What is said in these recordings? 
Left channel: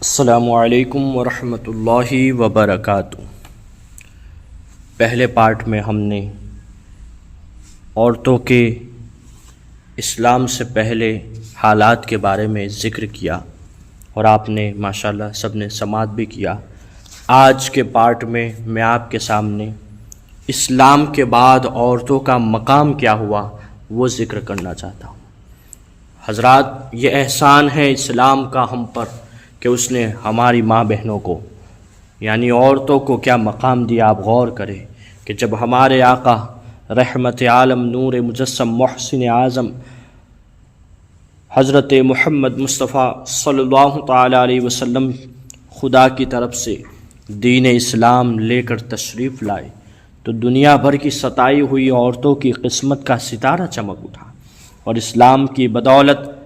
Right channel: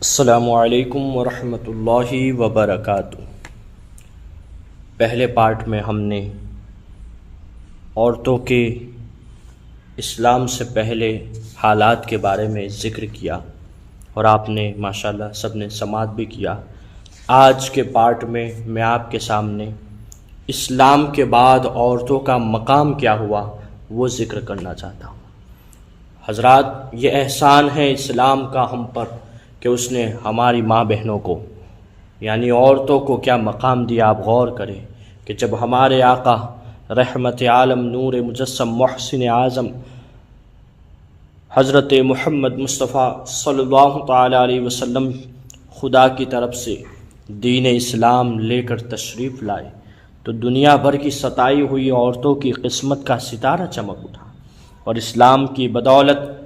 السلام علیکم ورحمۃ اللہ وبرکاتہ۔ پہلے پارٹ میں ہم نے عورتوں کے اسلام سے پہلے حالات کے بارے میں ذکر کیا اور آپ نے ماشاءاللہ سب نے سماعت بھی کیا۔ آج کے پارٹ میں آپ کے سامنے اسلام کے بعد عورتوں کا مقام کیا ہوا وہ ذکر کرنا چاہتا ہوں۔ حضرات، یہ احسان ہے اسلام کا ہم پر کہ اس نے ہماری ماں بہنوں کو یعنی عورتوں کو کیا مقام دیا۔ آپ غور کریں کہ جب ہمارے آقا رحمت عالم نور مجسم محسن اعظم حضرت محمد مصطفیٰ صلی اللہ تعالی علیہ وسلم خدا کی طرف سے دین اسلام لے کر تشریف لائے تو دنیا بھر کی ستائی ہوئی عورتوں کی قسمت کا ستارہ چمک اٹھا اور اسلام کی بدولت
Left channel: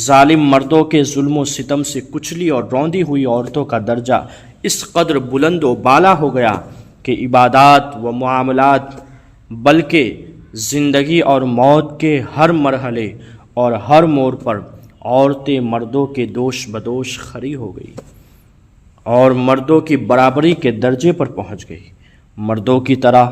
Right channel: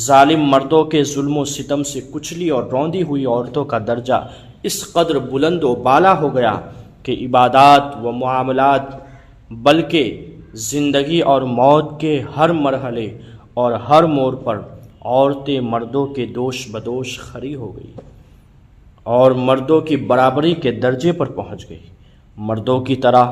ظالم مردوں کے ظلم و ستم سے کچلی اور روندی ہوئی عورتوں کا درجہ اس قدر بلند و بالا ہو گیا کہ عبادات و معاملات بلکہ زندگی اور موت کے ہر مرحلے اور ہر موڑ پر عورتیں مردوں کے دوش بدوش کھڑی ہو گئی اور مردوں کی برابری کے درجے پر پہنچ گئی۔ مردوں کی طرح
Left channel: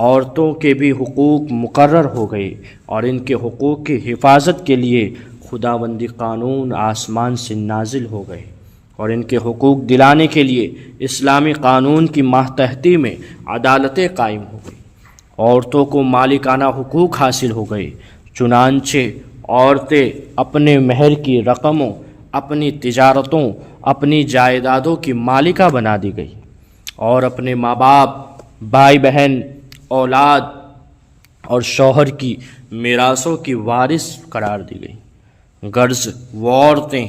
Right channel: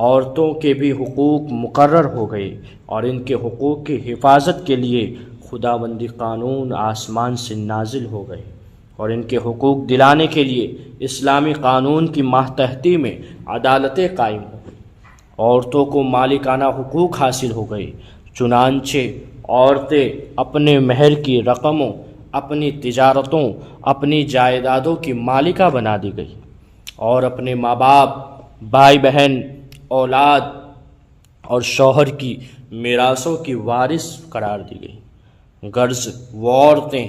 عورتوں کے بھی حقوق مقرر ہو گئے اور ان کے حقوق کی حفاظت کے لیے خداوندی قانون آسمان سے نازل ہو گئے اور ان کے حقوق دلانے کے لیے اسلامی قانون کی ماتحتی میں عدالتیں قائم ہو گئی۔ عورتوں کو مالکانہ حقوق حاصل ہو گئے، چنانچہ عورتیں اپنے مہر کی رقموں، اپنی تجارتوں، اپنی جائیدادوں کی مالکہ بنا دی گئی اور اپنے ماں باپ، بھائی بہن، اولاد اور شوہر کی میراثوں کی وارث قرار دی گئی۔ غرض وہ عورتیں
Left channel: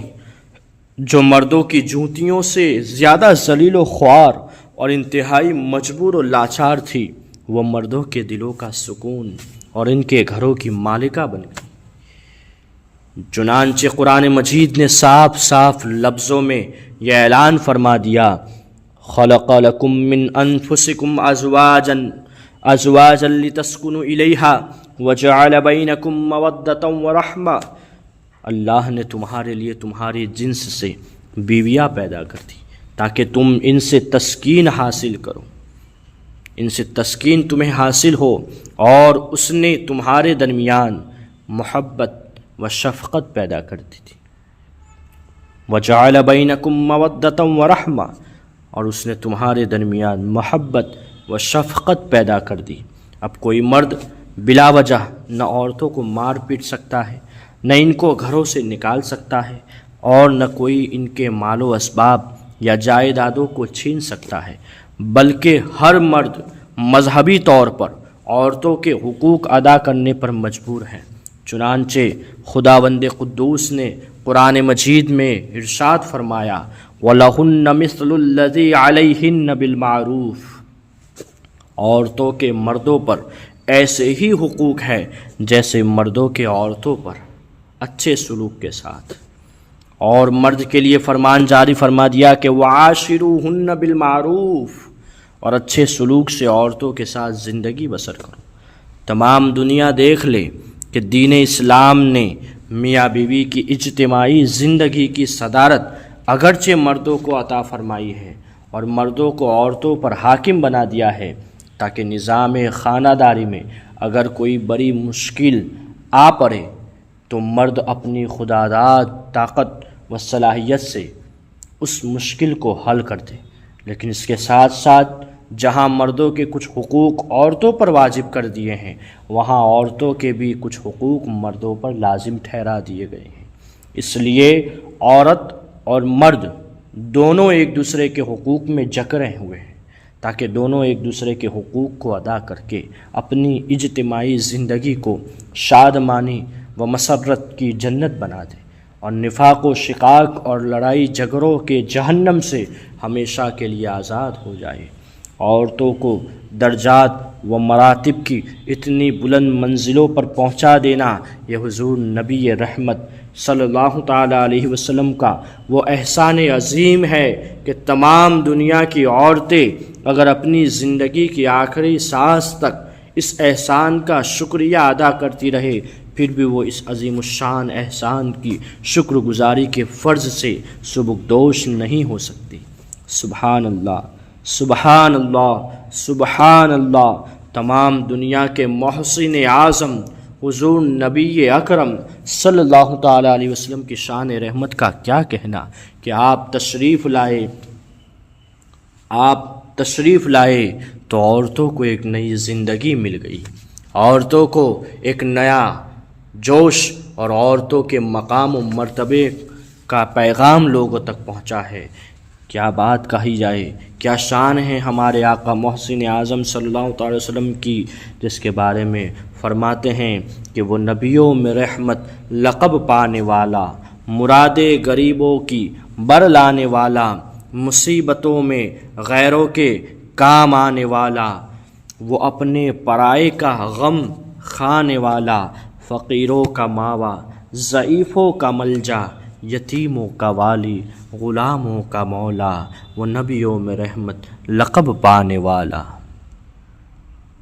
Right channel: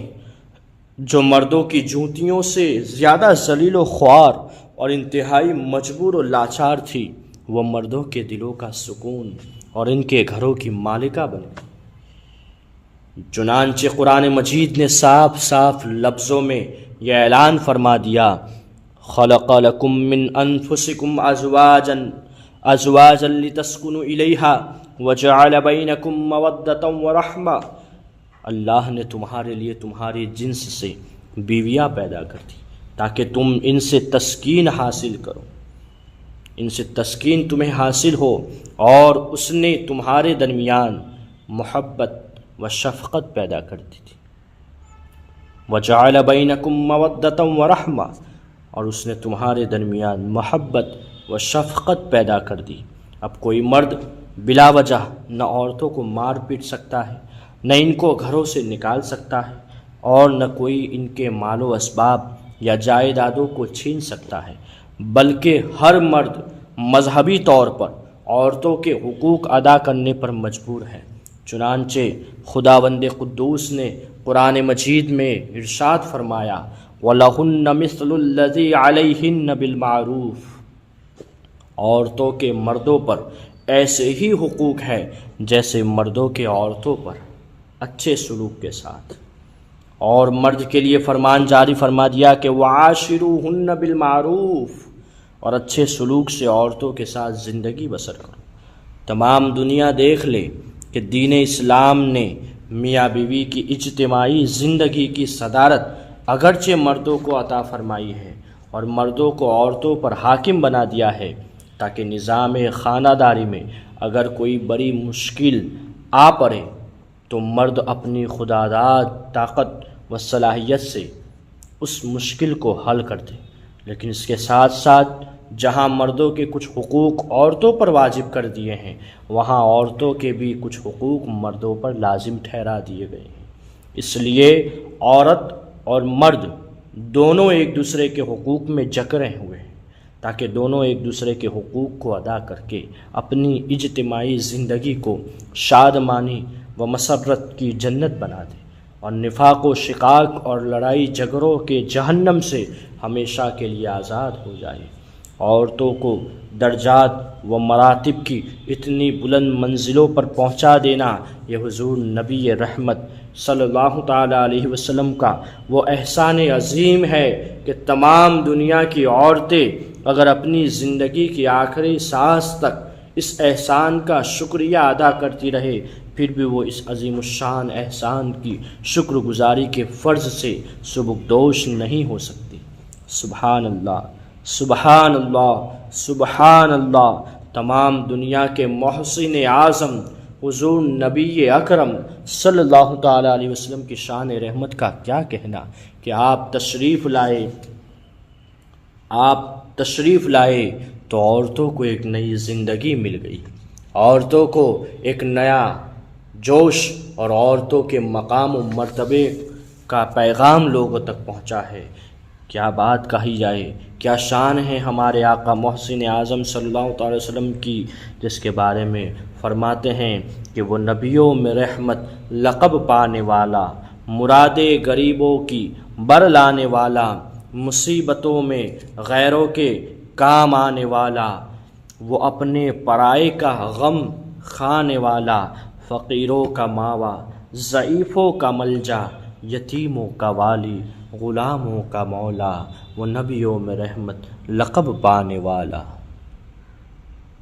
جو مردوں کی جوتیوں سے زیادہ ذلیل و خوار اور انتہائی مجبور و لاچار تھی، وہ مردوں کے دلوں کا سکون اور ان کے گھروں کی مالکہ بن گئی۔ چنانچہ قرآن مجید نے صاف صاف لفظوں میں یہ اعلان فرما دیا، خلق لکم من انفسکم ازواجا لتسکنوا الیہا وجعل بینکم مودۃ ورحمہ۔ اللہ نے تمہارے لیے تمہاری جنس سے بیویاں پیدا کر دی تاکہ تم ان سے تسکین حاصل کرو، ان سے تسکین تمہیں حاصل ہو، اور اس نے تمہارے درمیان محبت و شفقت پیدا کر دی تھی۔ وجعل بینکم مودۃ ورحمہ، اور اس نے تمہارے درمیان محبت و شفقت پیدا کر دی۔ اب کوئی مرد بلا وجہ نہ عورتوں کو مار پیٹ سکتا ہے، نہ ان کو گھروں سے نکال سکتا ہے، اور نہ کوئی ان کے مال و اسباب یا جائیدادوں کو چھین سکتا ہے، بلکہ ہر مرد مذہبی طور پر عورتوں کے حقوق ادا کرنے پر مجبور ہے۔ چنانچہ خداوند قدوس نے قرآن مجید میں ارشاد فرمایا، وَلَهُنَّ مِثْلُ الَّذِي عَلَيْهِنَّ بِالْمَعْرُوفِ، عورتوں کے مردوں پر ایسے ہی حقوق ہے جیسے مردوں کے عورتوں پر، اچھے سلوک کے ساتھ۔ اور مرد کے لیے فرمان جاری فرما دیا کہ وَعَاشِرُوهُنَّ بِالْمَعْرُوفِ، اور اچھے سلوک سے عورتوں کے ساتھ زندگی بسر کرو۔ تمام دنیا دیکھ لے کہ دین اسلام نے میاں بیوی کی اجتماعی زندگی کی صدارت اگرچہ مردوں کو عطا فرمائی ہے اور مردوں کو عورتوں پر حاکم بنا دیا ہے تاکہ نظام خانہ داری میں اگر کوئی بڑی مشکل آ پڑے تو مرد اپنی خودداد طاقت و صلاحیت سے اس مشکل کو حل کر دے، لیکن اس کے ساتھ ساتھ جہاں مردوں کے کچھ حقوق عورتوں پر واجب کر دیے ہیں، وہاں عورتوں کے بھی کچھ حقوق مردوں پر لازم ٹھہرا دیے گئے ہیں۔ اس لیے عورت اور مرد دونوں ایک دوسرے کے حقوق میں جکڑے ہوئے ہیں تاکہ دونوں ایک دوسرے کے حقوق کو ادا کر کے اپنی اجتماعی زندگی کو شادمانی و مسرت کی جنت بنا دے اور نفاق و شقاق اور لڑائی جھگڑوں کے جہنم سے ہمیشہ کے لیے آزاد ہو جائے۔ عورتوں کو درجات و مراتب کی اتنی بلند منزلوں پر پہنچا دینا یہ حضور نبی رحمت صلی اللہ تعالی علیہ وسلم کا وہ احسان عظیم ہے کہ تمام دنیا کی عورتیں اگر اپنی زندگی کی آخری سانس تک اس احسان کا شکریہ ادا کرتی رہے، پھر بھی وہ اس عظیم الشان احسان کی شکر گزاری کے فرض سے سبکدوش نہیں ہو سکتی۔ سبحان اللہ، سبحان اللہ، سبحان اللہ۔ تمام دنیا کے محسن اعظم حضور نبی اکرم صلی اللہ تعالیٰ علیہ وسلم کی شان رحمت کا کیا کہنا کہ آپ تشریف لائے تو عورتوں کو ایک نئی زندگی مل گئی، عورتوں کو ایک نیا جوش اور عورتوں کے مقام و مرتبے کا پیغام لوگوں تک پہنچا ہے۔ کیا بات کہی جائے، کیا شان ہے ہمارے آقا محسن اعظم صلی اللہ تعالی وسلم کی، جس کے بارے میں فرماتے ہیں کہ وہ نبیوں میں رحمت لقب پانے والا، مرادے غریبوں کی بر لانے والا، مصیبتوں میں غیروں کے کام آنے والا، وہ اپنے پرائے کا غم کھانے والا، فقیروں کا ماوا، ضعیفوں کا ملجا، یتیموں کا والی، غلاموں کا مولا، وہ نبیوں میں رحمت لقب پانے والا۔